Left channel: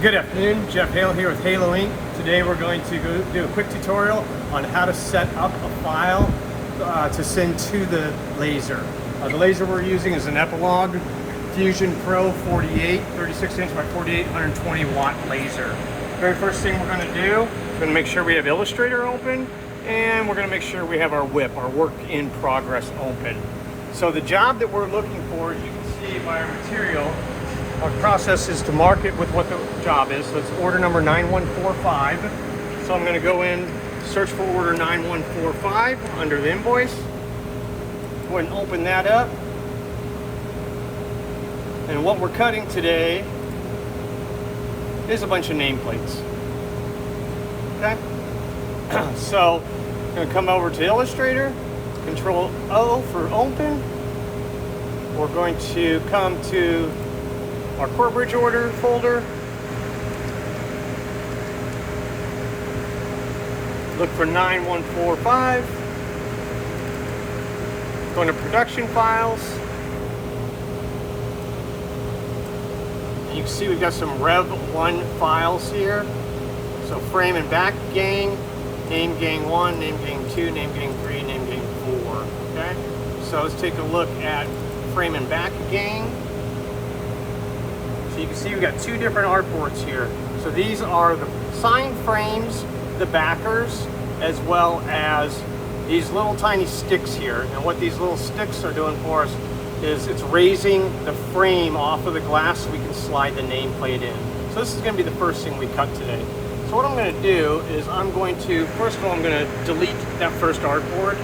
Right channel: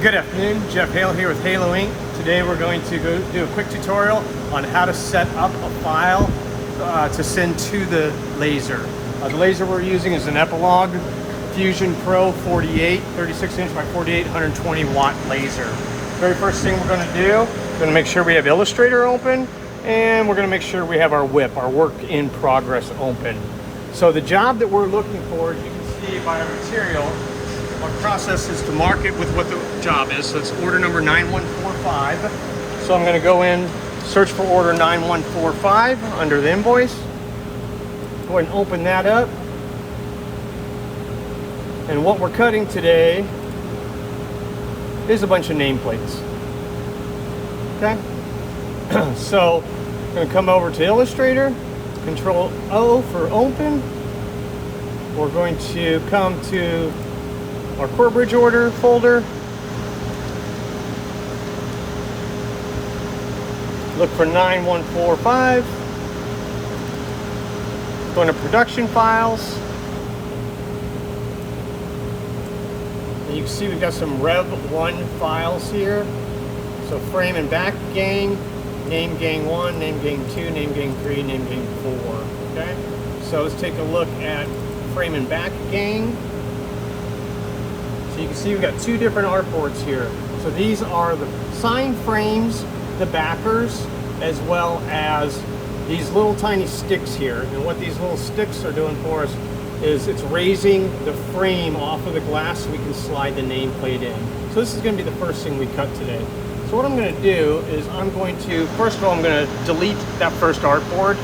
Good afternoon, Jeff Hale here with Halo Inc. Today we're going to go do a quick tutorial on how to set up a file to send to the laser. The laser we're using is an Epilogue Fusion Pro 48, 36 inch by 48, 120 watt laser. Very first thing we're going to do, we're going to make sure we have Illustrator open, and we're going to make sure we have our WIP, our work in progress, open. So the job that we're looking for, as you can see by our material, our process is to mark it with what the job is. So it's order number 9145. So I'm going to go in, search for order 9145 under the invoice. Go ahead and open that up. And what we're cutting today is a bunch of nameplates. Okay? So I'm going to come over to Illustrator, Control O for open. We're going to come to our core bridge order folder. Look for 9145. Go into production files. And you can see we've got some Rev 1 files here. So frame and back gang, name gang 1, name gang 2, name gang 3, name gang 4. Okay? So let's take a look at frame and back gang. You can see we've got two different artboards here. So these are the sign frames, the backers, as well as these little tiny sticks here. And what these little sticks are doing for us is it's raising the frame off of the glass so we can slide the nameplate in. So this is going to be the first thing we cut today. So what I'm going to do is I'm going to, first of all, I'm going to delete that first artboard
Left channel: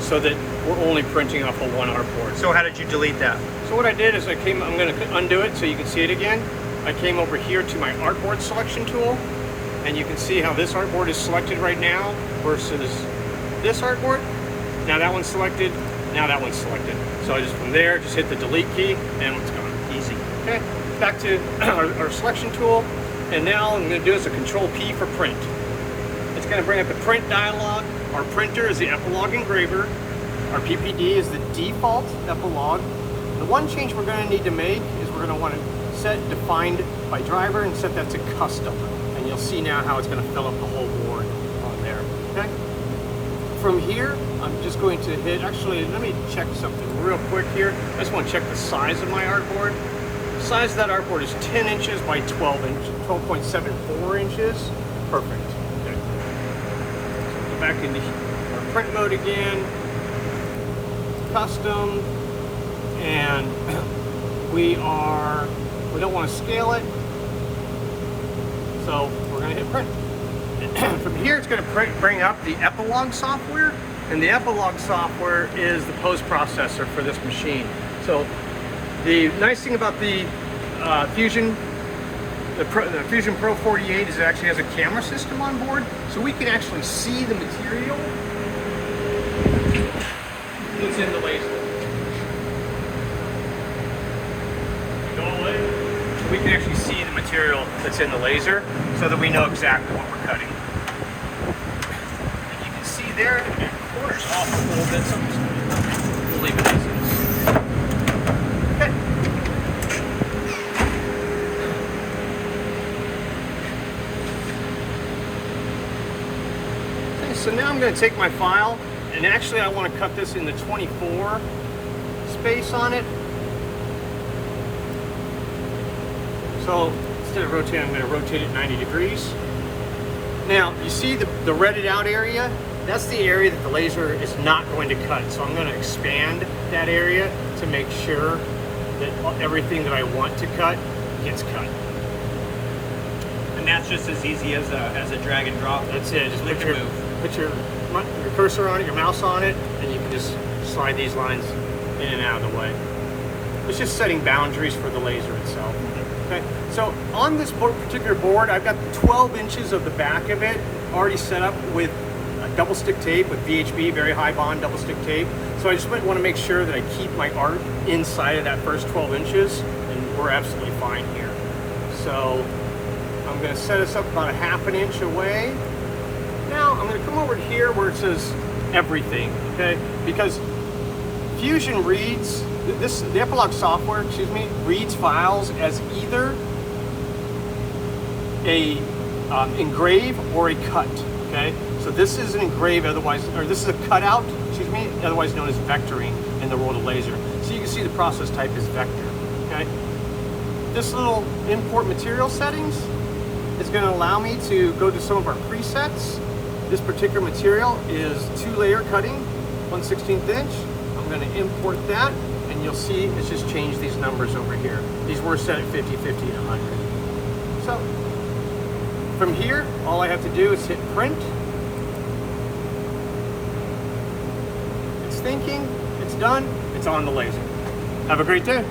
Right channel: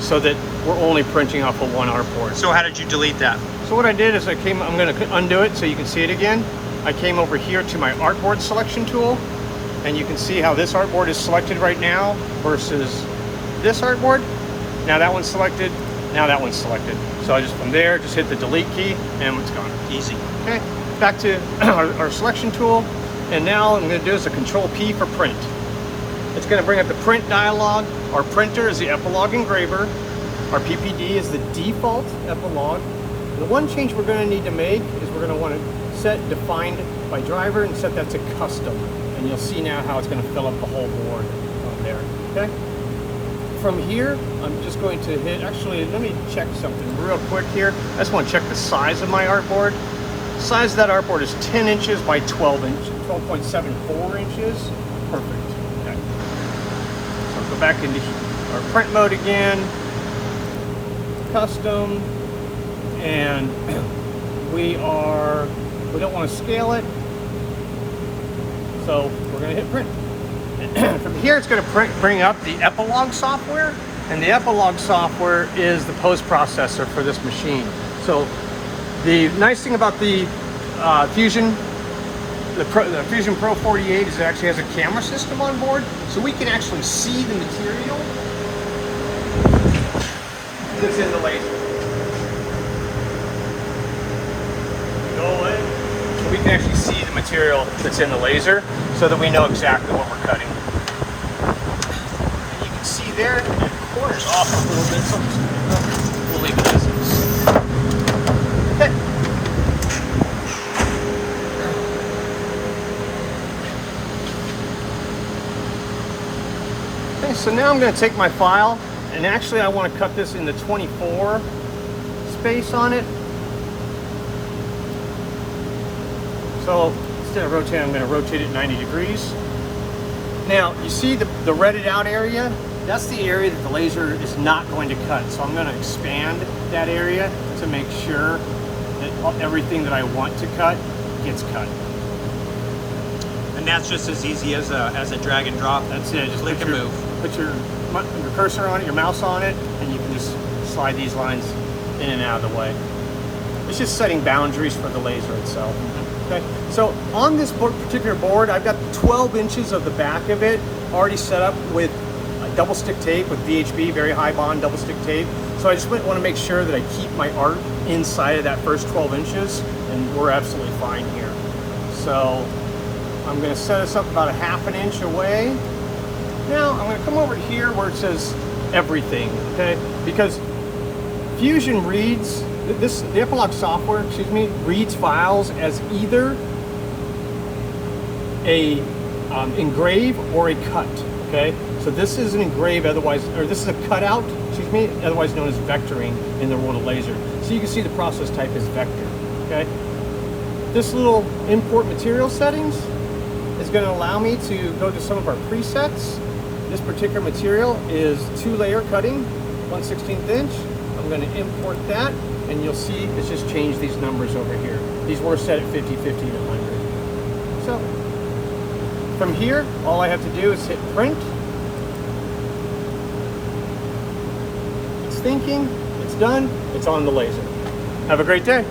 so that we're only printing off of one artboard. So how did you delete that? So what I did is I'm going to undo it so you can see it again. I came over here to my artboard selection tool, and you can see how this artboard is selected right now versus this artboard. Now that one's selected, now that one's selected. So I just, from there, just hit the delete key and it's gone. Easy. Okay, back to our selection tool, and now what I'm going to do is a Control P for print. It's going to bring up the print dialog. Our printer is the Epilogue engraver. Our PPD is the default Epilogue. The one change we're going to need to make is we're going to want to set defined by driver and set that to custom. And you'll see now how it's going to fill up the whole board on there. Okay? From here, I'm just going to hit, actually, let me check something real quick here. I just want to check the size of my artboard. The size of that artboard is 10 inches by 12 inches, 12.74 inches. Perfect. Okay. So go back into our print mode again. Custom. And we don't want to scale it, so we're going to hit print. From here, it's going to bring up the Epilogue software, and the Epilogue software is the post-processor for this machine. So the nice thing about the Fusion Pro 48 is it actually has a camera system on board, so we can actually see the material that's in the laser. We can actually see the material that's in the laser so that we know exactly what we're cutting. And you can see there, it corners off a little bit, so we'll leave it as is. Okay, so now I'm going to take my file, and actually I want to cut this into 24 space on it. So instead of rotating, I'm going to rotate it 90 degrees. Now, you see the redded out area? That's the area that the laser is not going to cut. So I'm going to expand that area to make sure that everything that I want to cut gets cut. And that's just as easy as a drag and drop. That's it. Just Put your cursor on it, your mouse on it, and you can just slide these lines in and out of the way. It's just setting boundaries for the laser itself. Okay. So on this particular board, I've got 12 inches of the back of it already set up with double stick tape, with VHB, very high bond double stick tape. So I just want to make sure that I keep my art inside of that first 12 inches, and we're absolutely fine here. So I'm going to set us up about a ½ inch away. Now I'm going to come over here where it says everything, okay? Because Fusion reads, the Epilogue software, reads files as either a engrave or a cut. Okay, so this is an engrave, otherwise, or this is a cutout, excuse me, otherwise known as vectoring in the world of laser. So you can see the process type is vector. Okay, this little import material settings is going to allow me to go to some of our presets. This particular material is 2-layer cutting, 1/16 inch. I'm going to import that, and you'll see it's just changed these numbers over here. These were set at 50, 50, and 100. So from here, all I have to do is hit print. It's thinking, it's done, it's on the laser. Have a great day.